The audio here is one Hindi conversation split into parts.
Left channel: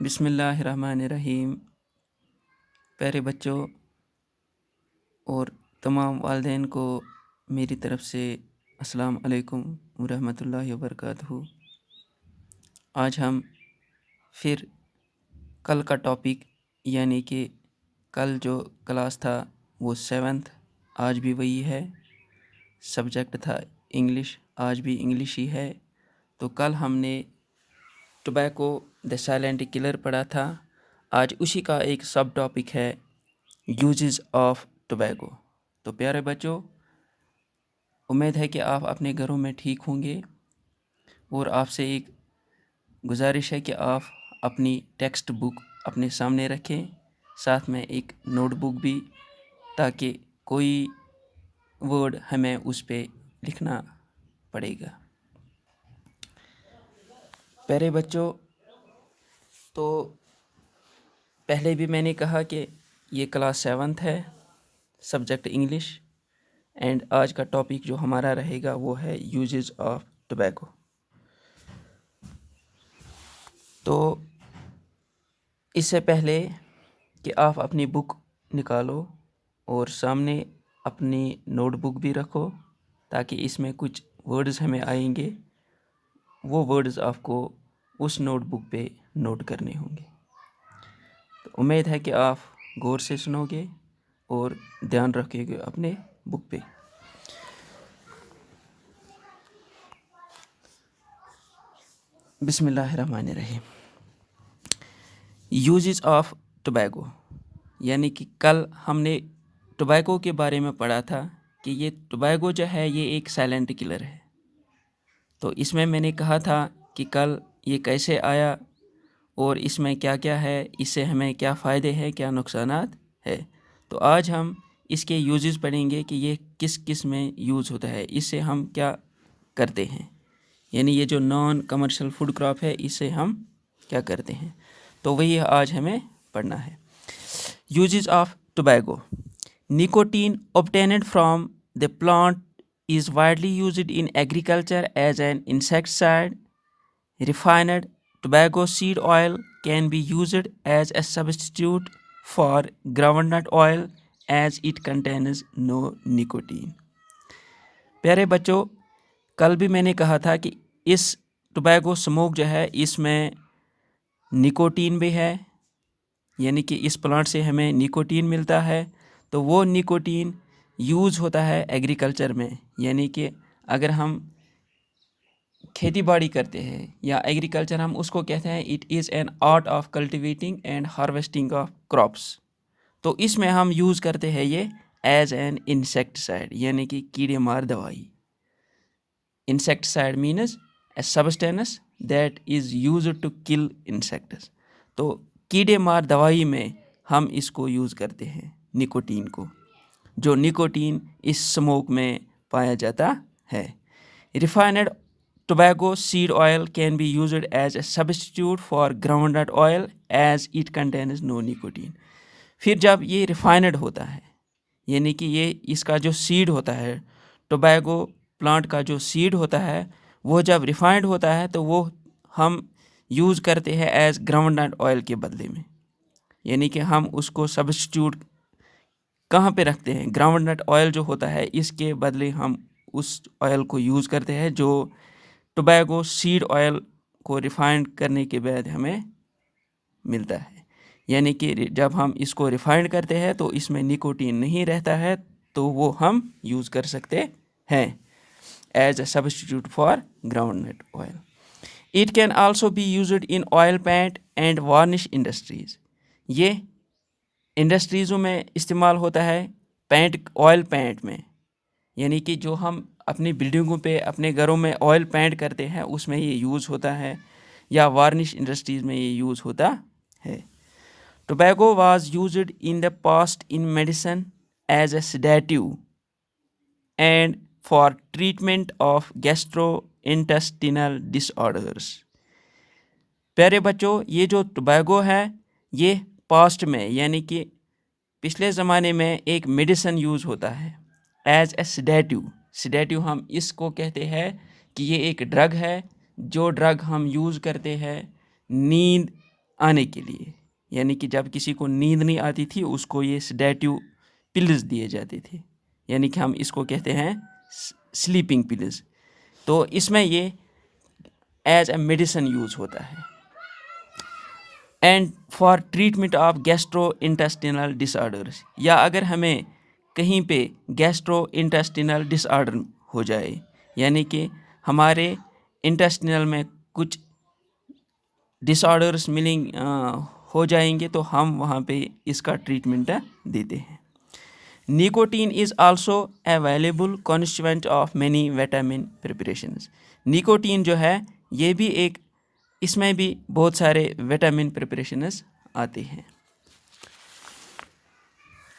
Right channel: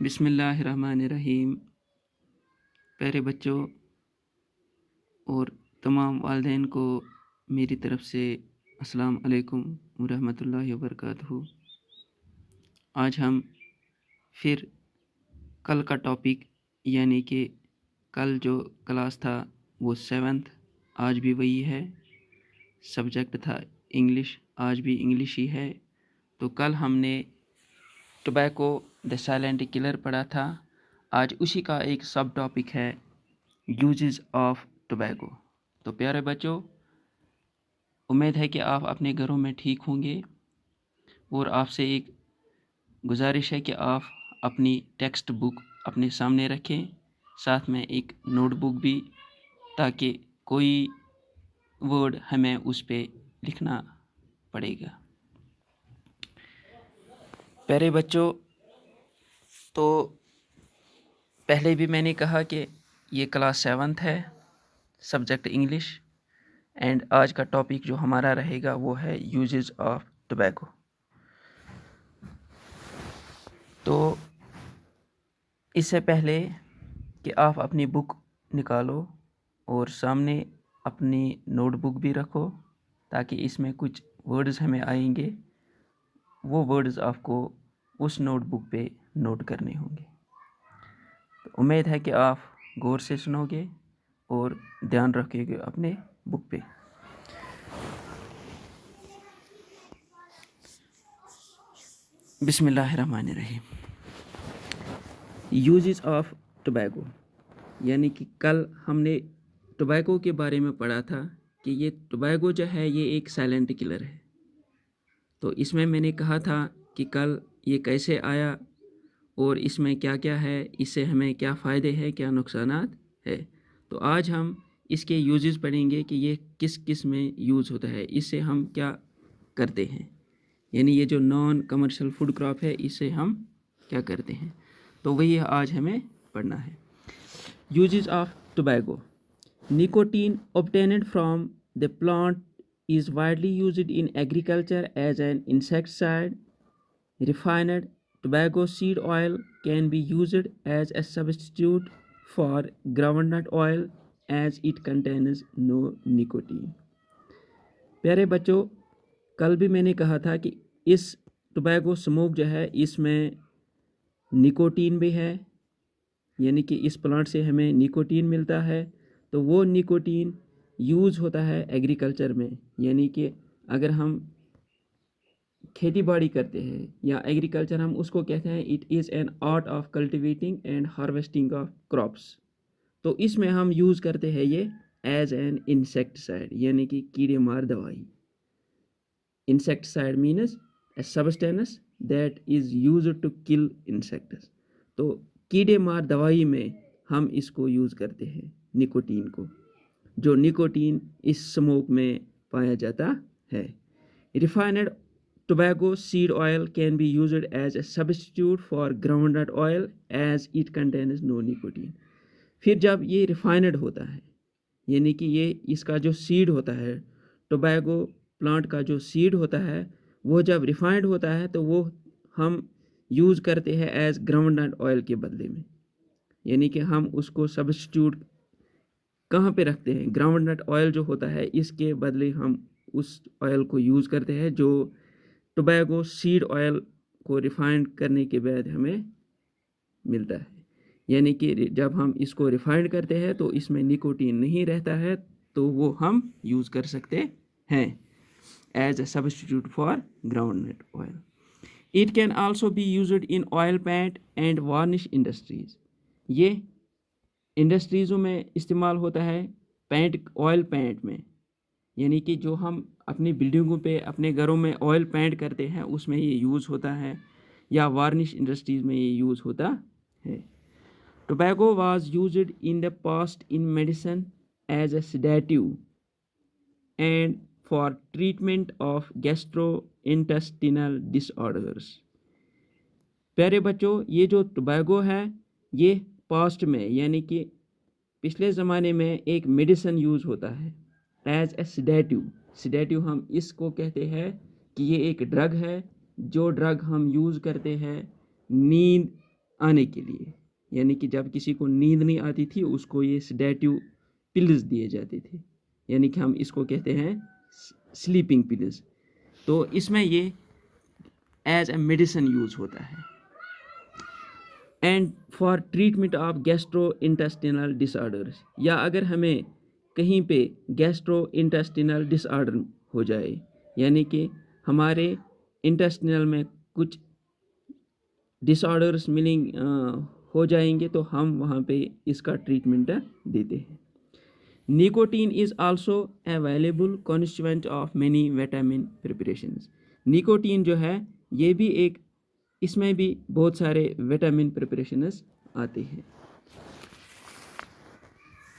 बिस्मिल्लाहिर्रहमानिर्रहीम। प्यारे बच्चों और तमाम वालिदैन को मेरी तरफ़ से अस्सलाम अलैकुम व रहमतुल्लाहि व बरकातहू। आज हम फिर कल का टॉपिक यानी कि कल जो क्लास था वो 7th, आज भी वही है। सब्जेक्ट था इंग्लिश, आज भी इंग्लिश ही है। तो कल हमने टोबैको द साइलेंट किलर पढ़ा था। आज उसी का एक सब टॉपिक है यूजेस ऑफ टोबैको। तो प्यारे बच्चों, उम्मीद है कि आप अपने घरों में ठीक होंगे और आपसे एक गुजारिश है कि आप अपनी टेक्स्ट बुक अपने सामने रखें, साथ में एक नोटबुक भी, ताकि कोई वर्ड हमें उस पे लिखना पड़ेगा। प्यारे बच्चों, तो पहले भी मैंने कहा कि ये क्लास 7th है, सब्जेक्ट इंग्लिश, एंड आज का टॉपिक जो हमारा रहेगा वो है यूजेस ऑफ टोबैको। तो इससे पहले कि आप अपनी बुक निकालो और सामने अपनी नोटबुक भी रखो, ताकि इसमें कुछ वर्ड्स हमें आएंगे, वो वर्ड्स आपको उस नोटबुक पे नोट करने होंगे। तो उम्मीद है कि आप गौर से सुनोगे और ध्यान रखोगे अपने बुक पे। बिस्मिल्लाहिर्रहमानिर्रहीम। यूजेस ऑफ टोबैको, यानी कि कल हमने टोबैको के बारे में पढ़ा था कि ये टोबैको जो है ये एक साइलेंट किलर है। तो इसमें मैंने कहा था कि कल ये कैसे आया और इसमें क्या क्या है, इससे हमें क्या फ़ायदे हैं, क्या नुकसानात है। तो आज हम इसके यूजेस पढ़ेंगे कि ये किस किस में यूज़ होता है, इससे हम क्या करते हैं, यानी ये जो नॉन कमर्शियल फूड क्रॉप है इससे हम क्या करते हैं। तो वही आज हमें पढ़ना है। Uses of tobacco. Nicotine obtained from the plant is widely used in agriculture as an insecticide. Refined tobacco seed oil can be used as a substitute for groundnut oil as it contains no nicotine. प्यारे बच्चों, कल भी मैंने कहा था कि इस टोबैको स्मोक जो है इसमें निकोटीन भी है, यानी कि इस प्लांट से हमें निकोटीन मिलता है। तो वो निकोटीन यूज़ होता है एग्रीकल्चर में, यानी कि अगर हम खेती बाड़ी करते हैं या एग्रीकल्चर, हम उसको कहते हैं it is an art of cultivating and harvesting of crops. तो इसमें हम यूज़ करते हैं ये एज एन इंसेक्टिसाइड, यानी कि कीड़े मार दवाई। Insecticide means a substance that is used to kill insects. तो कीड़े मार दवाई में हम इसको यूज़ करते हैं निकोटीन को, जो निकोटीन इस स्मोक में पाया जाता है। Refined tobacco seed oil can be used as a substitute for groundnut oil as it contains no nicotine. फिर जब ये रिफाइंड होता है, यानी कि ये इसका जो सीड होता है, टोबैको प्लांट का जो सीड होता है, वो जब रिफाइंड होता है तो वो हम यूज़ करते हैं एज ग्राउंडनट ऑयल के बदले में, यानी कि हम उसको सब्स्टिट्यूट कहाँ पे रखते हैं, ग्राउंडनट ऑयल जो होता है इसके बदले हम उस ऑयल को यूज़ करते हैं जो टोबैको सीड ऑयल को रिफाइंड करने के बाद हमें मिलता है। यानी कि जब हम इसको रिफाइंड करते हैं तो इसमें निकोटीन नहीं रहता है, तो वो हम यूज़ कर सकते हैं as a substitute for groundnut oil. It can also be used in oil paint and varnish industries. ये इंडस्ट्रीज़ों में इस्तेमाल होता है पेंट, ऑयल पेंट में, यानी कि जो हम अपनी बिल्डिंगों पे, अपने घरों में ऑयल पेंट करते हैं उसमें ये यूज़ होता है, या वार्निश इंडस्ट्रीज़ में ये यूज़ होता है। Tobacco was used in the past in medicine as a sedative and for treatment of gastrointestinal disorders. प्यारे बच्चों, ये जो टोबैको है ये पास्ट में, यानी कि पिछले ज़माने में एक मेडिसिन यूज़ होता है एज ए सेडेटिव। सेडेटिव हम इसको कहते हैं कि ये एक ड्रग है, जो ड्रग हम यूज़ करते हैं नींद आने के लिए, यानी कि जब किसी को नींद नहीं आती थी उसको ये सेडेटिव पिल्स दिए जाते थे, यानी कि हम इसको कहते हैं स्लीपिंग पिल्स। तो इसमें ये एज अ मेडिसिन यूज़ होता है। And for treatment of gastro intestinal disorders, या अगर हमें कहीं पे गैस्ट्रो इंटेस्टिनल डिसऑर्डर हो जाए, यानी कि हमारे इंटेस्टिनल में कुछ डिसऑर्डर्स हो जाएंगे, तो हम वहाँ पे इसका ट्रीटमेंट देते हैं। Nicotine is also available constituent of many vitamin preparations. Nicotine जो है ये भी एक, इसमें भी बहुत सारे विटामिन प्रिपरेशंस आते हैं।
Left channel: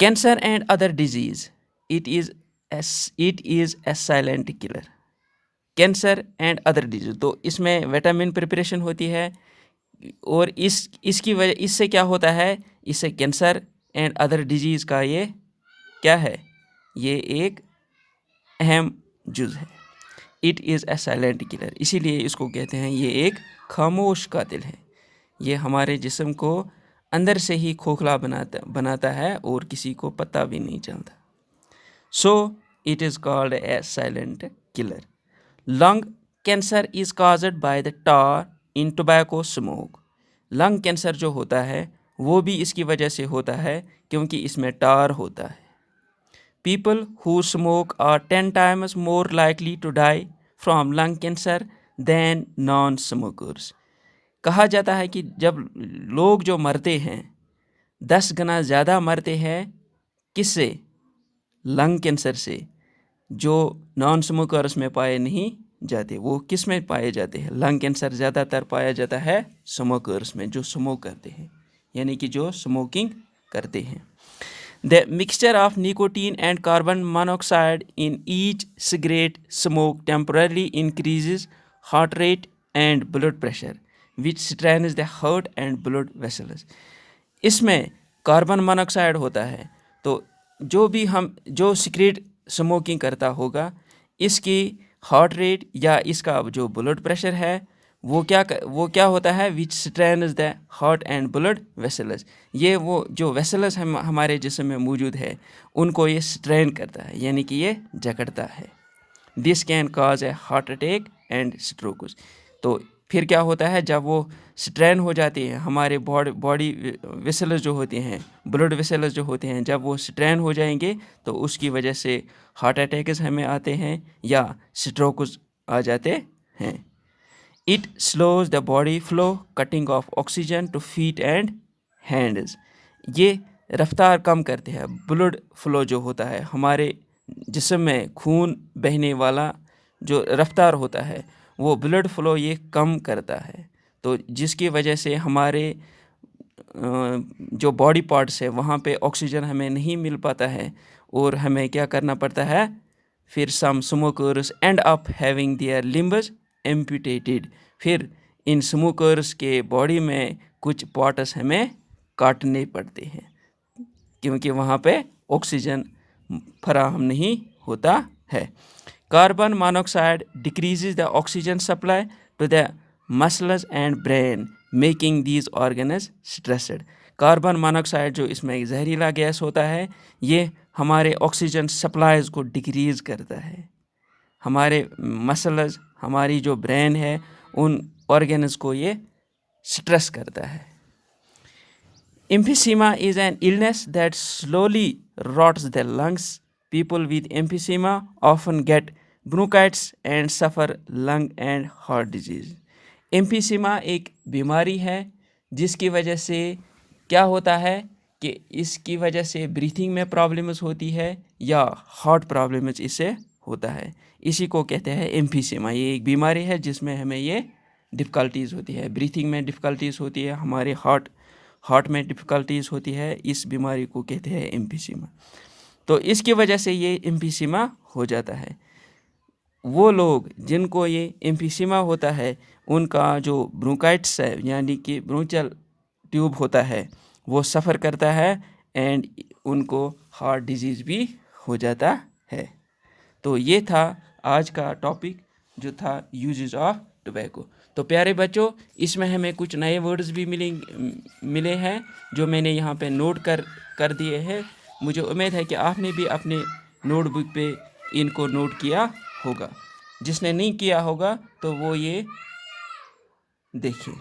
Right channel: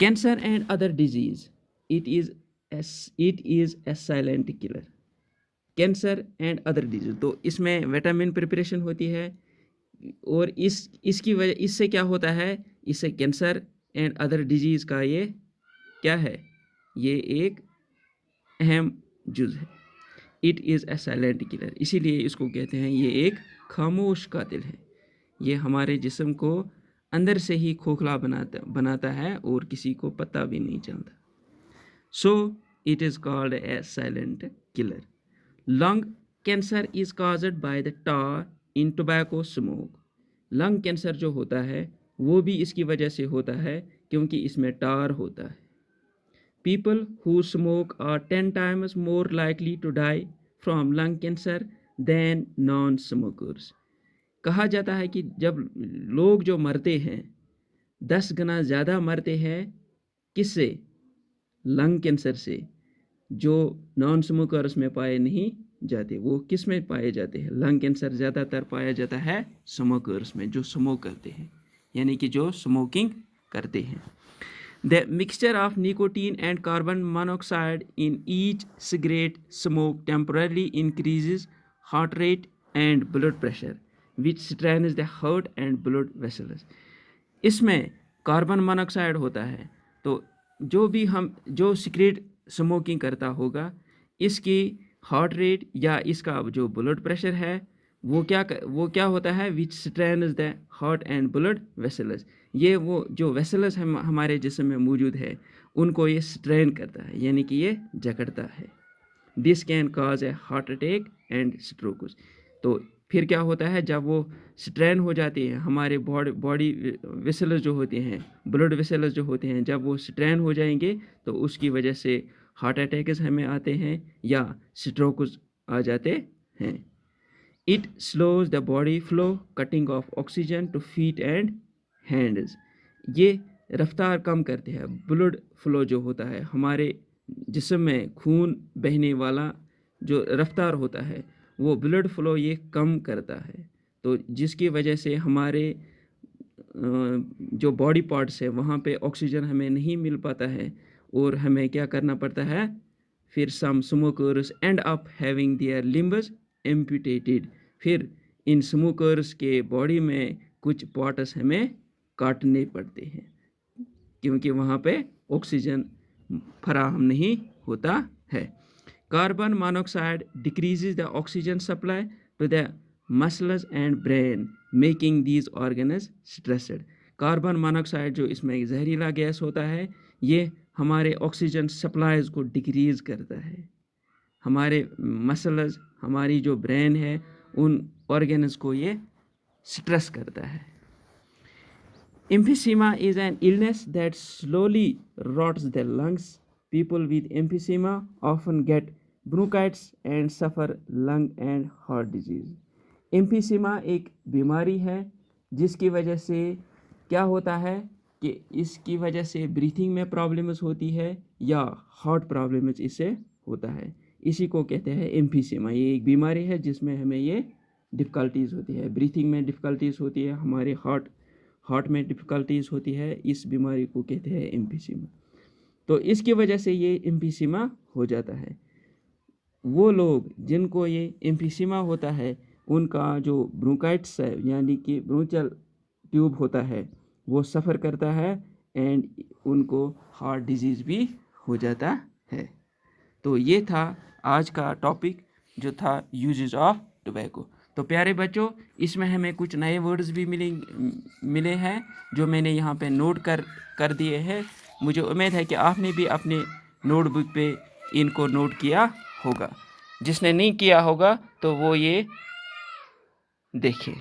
Cancer and other disease, it is a silent killer. Cancer and other disease, तो इसमें विटामिन प्रिपरेशन होती है, और इसकी वजह, इससे क्या होता है, इससे कैंसर एंड अदर डिजीज़ का ये क्या है, ये एक अहम जुज़ है। It is a silent killer, इसीलिए इसको कहते हैं ये एक खामोश कातिल है। ये हमारे जिस्म को अंदर से ही खोखला बनाता है और किसी को पता भी नहीं चलता। So it is called a silent killer. Lung cancer is caused by the tar in tobacco smoke. Lung cancer जो होता है वो भी इसकी वजह से होता है क्योंकि इसमें टार होता है। People who smoke are 10 times more likely to die from lung cancer than non smokers. कहा जाता है कि जब लोग जो मरते हैं 10 गुना ज़्यादा मरते हैं किससे, लंग कैंसर से, जो नॉन स्मोकर्स में पाए नहीं जाते। वो किस में पाए जाते हैं, लंग कैंसर ज़्यादातर पाया जाता है स्मोकर्स में, जो स्मोक करते हैं, यानी कि जो स्मोकिंग करते हैं। The mixture of nicotine and carbon monoxide in each cigarette smoke temporarily increases heart rate and blood pressure which strains the heart and blood vessels. इसमें कार्बन मोनोऑक्साइड होता है, तो जो सिगरेट स्मोकिंग करता होगा इसकी हार्ट रेट या इसका जो ब्लड प्रेशर है वो क्या होता है, which strains the heart and blood vessels. ये वो जो वेसल्स हमारे जिस्म में मौजूद है उनको ये स्ट्रेन करता है, यानी कि ये जकड़ता है। This can cause A heart attack and strokes. तो फिर क्या होता है, जब वो स्ट्रेन हो जाती है, हमारे बॉडी वेसल्स जो होते हैं, ब्लड वेसल्स जो होते हैं, जब वो स्ट्रेन हो जाएंगे तो उसकी वजह से हार्ट अटैक्स हमें आते हैं या स्ट्रोक्स आ जाते हैं। It slows the body flow cutting of oxygen to feet and hands. ये रफ्तार कम करते हैं, ब्लड फ्लो जो होता है, हमारे जिस्म में खून बहने वाला जो रफ्तार होता है वो ब्लड फ्लो ये कम करता है। तो जिसकी वजह से हमारे जो बॉडी पार्ट्स है वहाँ पे ऑक्सीजन हमें नहीं मिल पाता है और हमें क्या करना पड़ता है, फिर some smokers end up having their limbs amputated. फिर इन स्मोकर्स के बॉडी में कुछ पार्ट्स हमें काटने पड़ते हैं क्योंकि वहाँ पे ऑक्सीजन फराहम नहीं होता है। Carbon monoxide decreases the oxygen supply to the muscles and brain making these organs stressed. Carbon monoxide जो इसमें जहरीला गैस होता है ये हमारे ऑक्सीजन सप्लाईज को डिक्रीज करता है, हमारे मसल्स, हमारी जो ब्रेन है उन ऑर्गन्स को ये स्ट्रेस करता है। Emphysema is an illness that slowly rots the lungs. People with emphysema often get bronchitis and suffer lung and heart disease. Emphysema एक बीमारी है जिसकी वजह से क्या होता है कि इसकी वजह से ब्रीथिंग में प्रॉब्लम्स होती है या हार्ट प्रॉब्लम्स इससे होता है। इसी को कहते हैं एम्फीसीमा। ये एक बीमारी है जिसमें हमें ये डिफ़िकल्टीज़ होती है, ब्रीथिंग में डिफ़िकल्टीज़ होती है, हमारे हार्ट में डिफ़िकल्टीज़ होती है। इस बीमारी को कहते हैं एम्फीसीमा। तो इसकी वजह से ये एम्फीसीमा हो जाता है। वो लोग जिनको ये एम्फीसीमा होता है उनका जो ब्रोंकाइटिस है यानी कि ब्रोंचियल ट्यूब होता है वो सफ़र करता है एंड उनको हार्ट डिजीज़ भी हो जाता है। तो ये था आज का टॉपिक जो था यूजेस ऑफ टोबैको। तो प्यारे बच्चों, इसमें हमें कुछ नए वर्ड्स भी मिले हैं जो मैंने यहाँ पे नोट कर दिए हैं। मुझे उम्मीद है कि आपने भी अपने नोटबुक पे इनको नोट किया होगा। जिसने नहीं किया होगा तो वो ये देखें।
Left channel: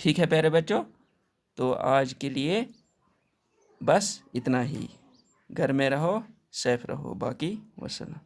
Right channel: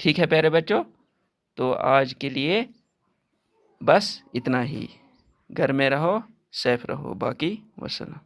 ठीक है प्यारे बच्चों, तो आज के लिए बस इतना ही। घर में रहो, सेफ रहो, बाकी वसल्लम।